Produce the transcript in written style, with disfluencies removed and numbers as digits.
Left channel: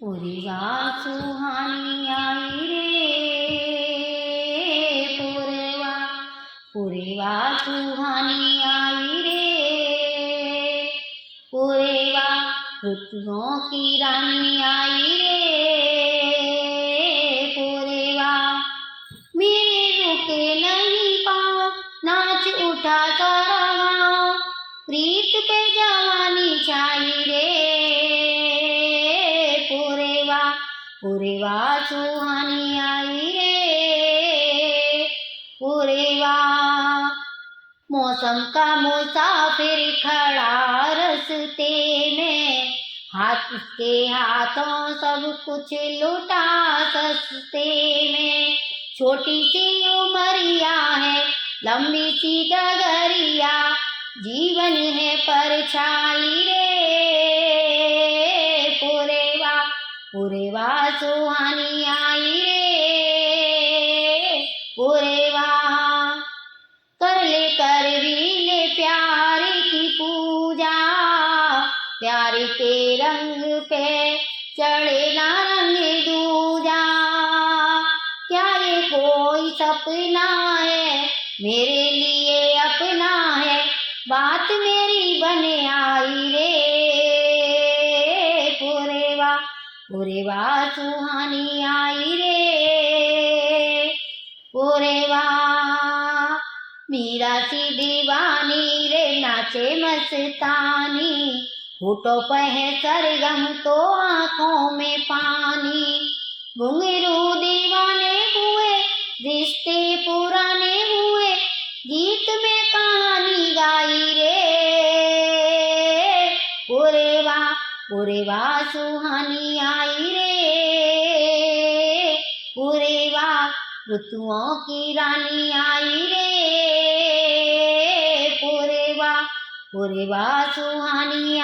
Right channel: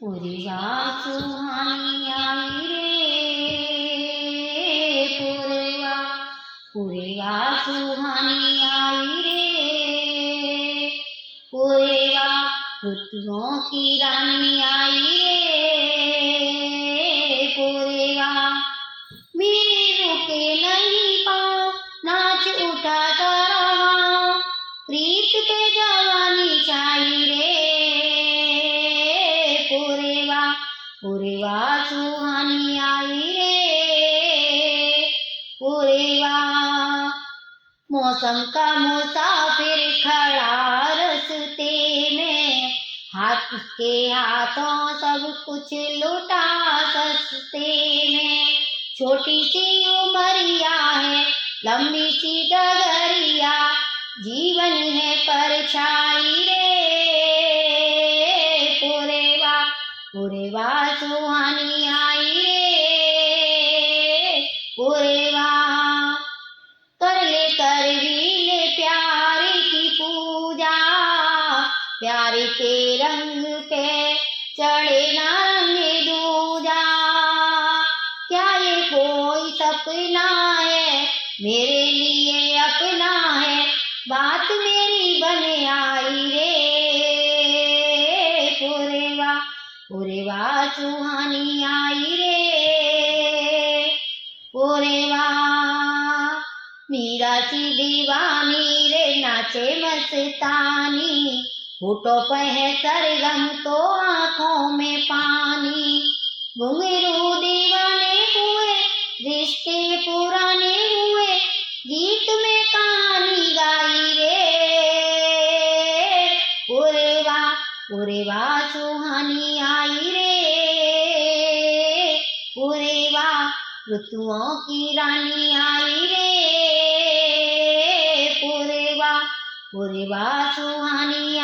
पूर्वा सुहानी आई रे पूर्वा सुहानी आई रे पूर्वा ऋतुओं की रानी आई रे पूर्वा मेरे रुके नहीं पाँव नाच उठा सारा गाँव प्रीत पे जवानी छाई रे पूर्वा सुहानी आई रे पूर्वा मौसम का मुसाफिर खड़ा रस्ते में हाथ उसके हाथों सब कुछ लुटा सस्ते में छोटी सी उमरिया है लंबी सी डगरिया जीवन है परछाई रे पूर्वा सुहानी आई रे पूर्वा कर ले प्यार की पूजा प्यार के रंग पे चढ़े ना रंग दूजा क्या ये कोई सपना है मेरे लिए अपना है बात मेरी बने आई रे पूर्वा सुहानी आई रे पूर्वा मीरा सी दीवानी रे नाचे मस्तानी होठों पे है सरगम तो आँखों में पानी घुंघरू दीवाने हुए रिश्ते पुराने हुए गीत में कहानी गाई रे पूर्वा सुहानी आई रे पूर्वा ऋतुओं की रानी आई रे पूर्वा सुहानी